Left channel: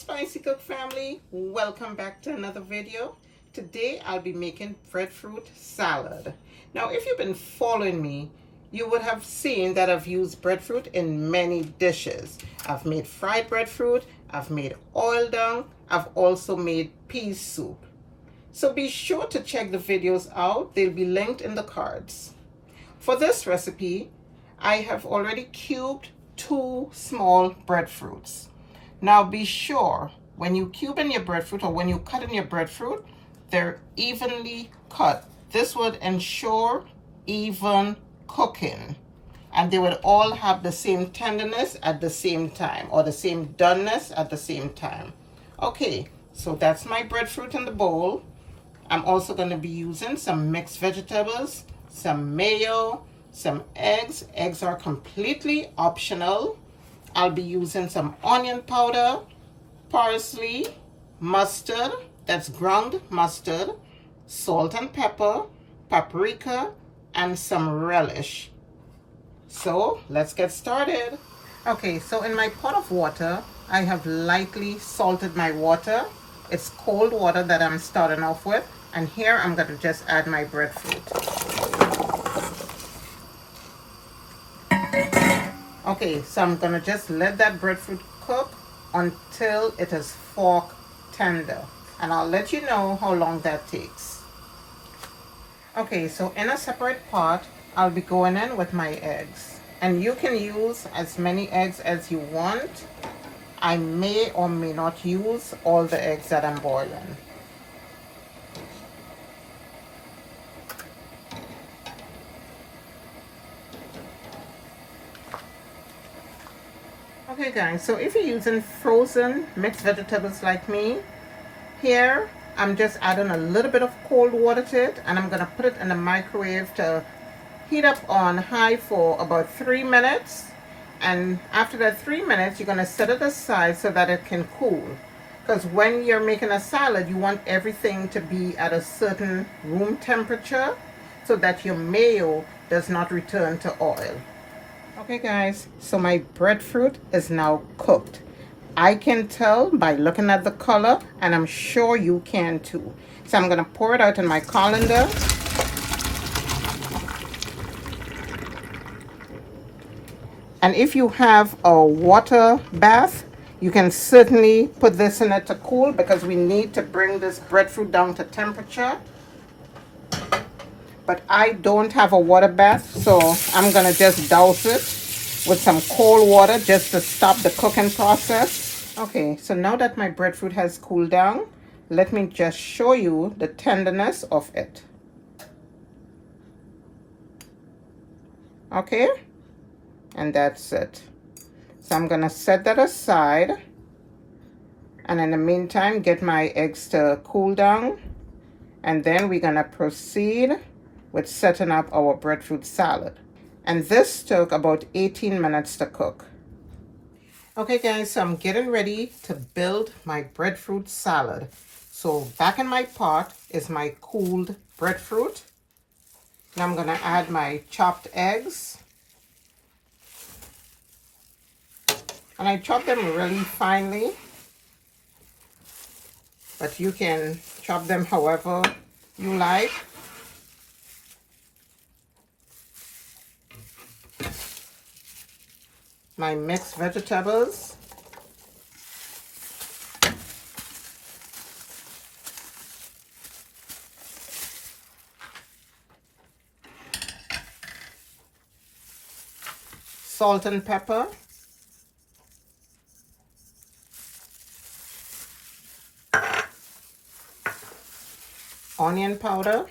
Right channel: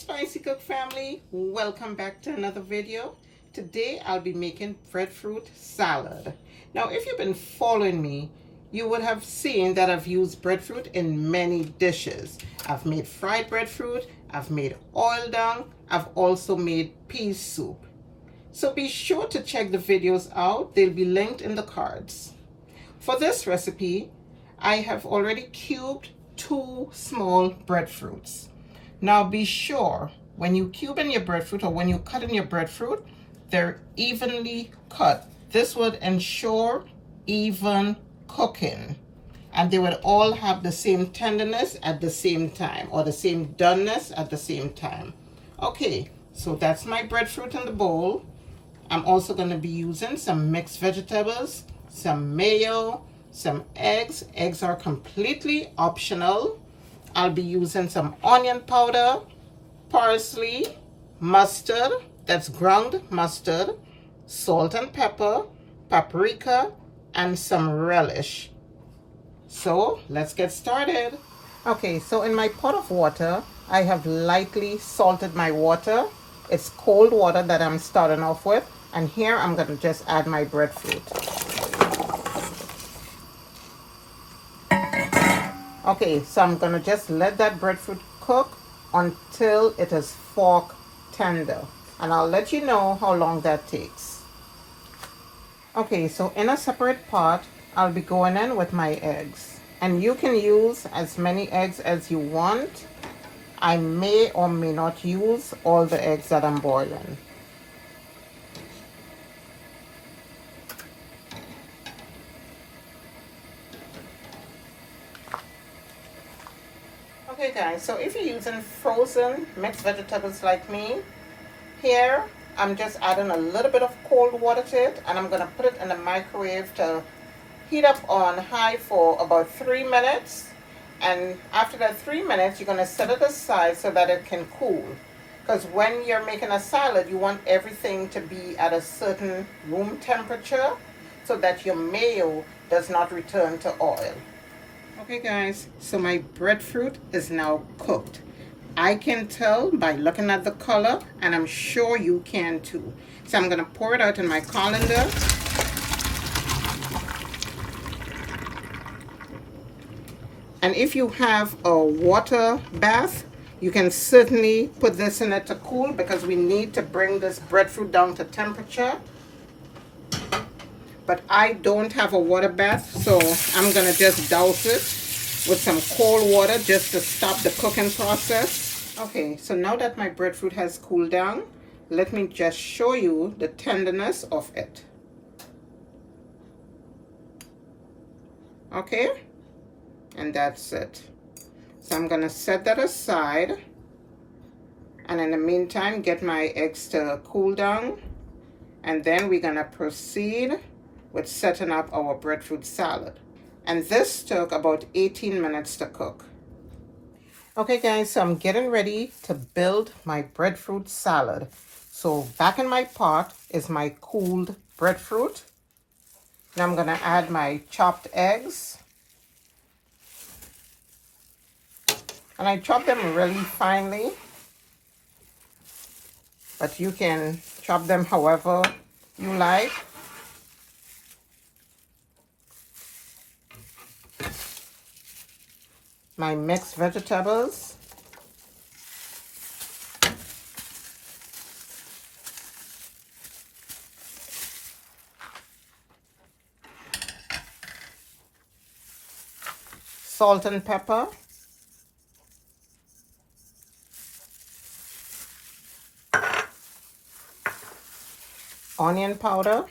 Spicy Cook family, welcome back to another video. Today I'll be making breadfruit salad. Now if you've been following me, you would have seen that I've used breadfruit in many dishes. I've made fried breadfruit, I've made oil dung, I've also made pea soup. So be sure to check the videos out, they'll be linked in the cards. For this recipe, I have already cubed 2 small breadfruits. Now be sure when you cube in your breadfruit or when you cut in your breadfruit, they're evenly cut. This would ensure even cooking, and they would all have the same tenderness at the same time, or the same doneness at the same time. Okay, so that's my breadfruit in the bowl. I'm also going to be using some mixed vegetables, some mayo, some eggs. Eggs are completely optional. I'll be using some onion powder, parsley, mustard, that's ground mustard, salt and pepper, paprika, and some relish. So let's get started. Okay, so in my pot of water, I have lightly salted my water. It's cold water that I'm starting off with. And here I'm going to just add my breadfruit. Okay, so I'm going to just let that breadfruit cook until it is fork tender. And I'll let you know how long that takes. Okay, so in a separate pot, I'll be going in with my eggs. And you can use as many eggs as you want. I may or may not use all the eggs that I'm boiling. Okay guys, so if you're using frozen mixed vegetables like me, here I'm just adding a little bit of cold water to it, and I'm going to put it in the microwave to heat up on high for about 3 minutes. And after that 3 minutes, you're going to set it aside so that it can cool. Because when you're making a salad, you want everything to be at a certain room temperature so that your mayo does not return to oil. Okay guys, so my breadfruit is now cooked. I can tell by looking at the color, and I'm sure you can too. So I'm going to pour it out in my colander. And if you have a water bath, you can certainly put this in it to cool, because we need to bring this breadfruit down to temperature. But I don't have a water bath, so I'm going to just douse it with some cold water just to stop the cooking process. Okay, so now that my breadfruit has cooled down, let me just show you the tenderness of it. Okay, and that's it. So I'm going to set that aside, and in the meantime get my eggs to cool down, and then we're going to proceed with setting up our breadfruit salad. And this took about 18 minutes to cook. Okay guys, so I'm getting ready to build my breadfruit salad. So back in my pot is my cooled breadfruit. Now I'm gonna add my chopped eggs. And I chop them really finely, but you can chop them however you like. My mixed vegetables. Salt and pepper. Onion powder.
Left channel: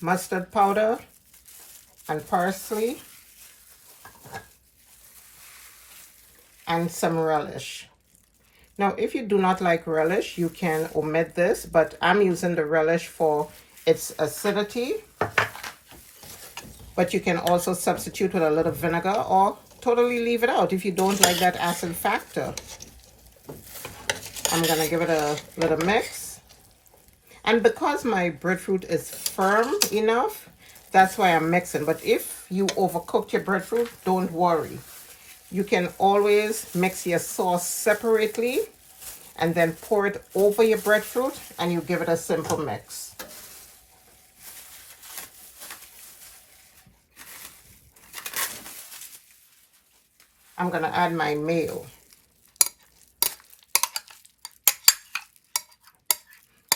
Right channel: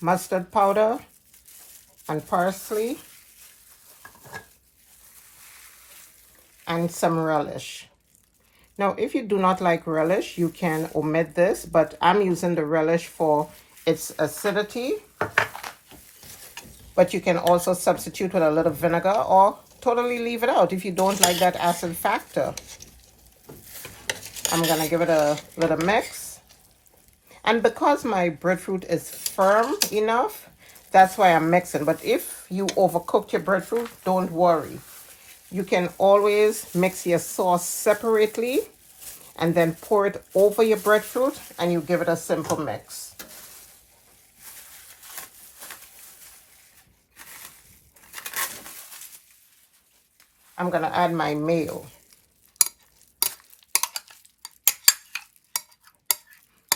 Mustard powder and parsley, and some relish. Now if you do not like relish, you can omit this, but I'm using the relish for its acidity. But you can also substitute with a little vinegar, or totally leave it out if you don't like that acid factor. I'm gonna give it a little mix. And because my breadfruit is firm enough, That's why I'm mixing. But if you overcooked your breadfruit, don't worry. You can always mix your sauce separately and then pour it over your breadfruit and you give it a simple mix. I'm gonna add my mayo.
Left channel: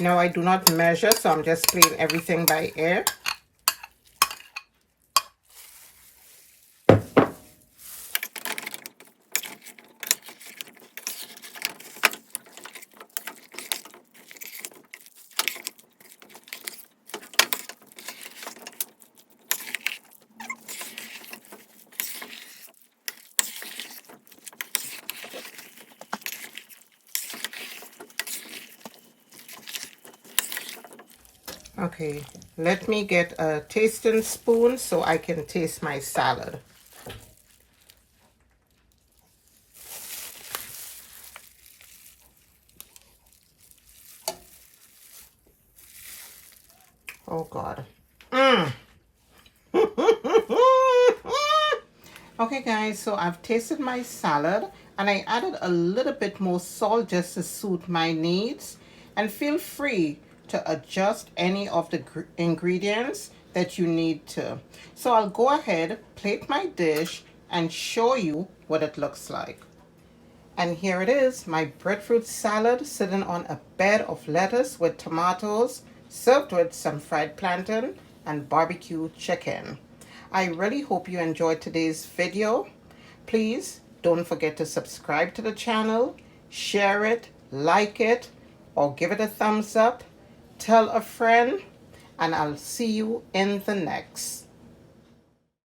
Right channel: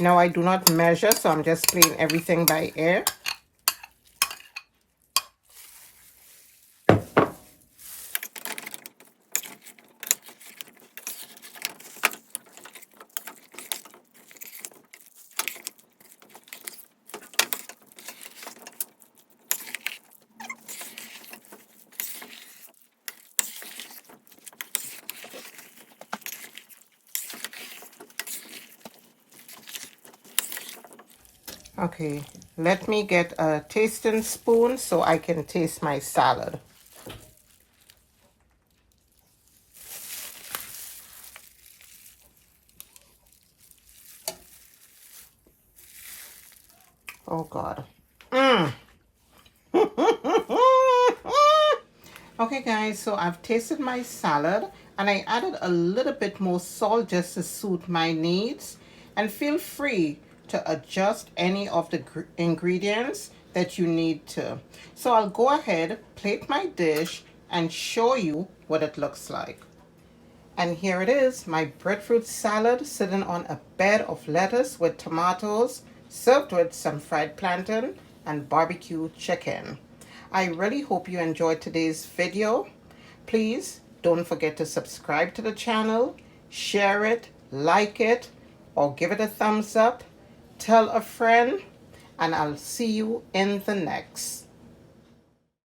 Now I do not measure, so I'm just playing everything by ear. Okay, let me get a tasting spoon so I can taste my salad. Oh God. Okay guys, so I've tasted my salad and I added a little bit more salt just to suit my needs, and feel free to adjust any of the ingredients that you need to. So I'll go ahead, plate my dish and show you what it looks like. And here it is, my breadfruit salad sitting on a bed of lettuce with tomatoes, served with some fried plantain and barbecue chicken. I really hope you enjoyed today's video. Please don't forget to subscribe to the channel, share it, like it, or give it a thumbs up. Tell a friend, and I'll see you in the next.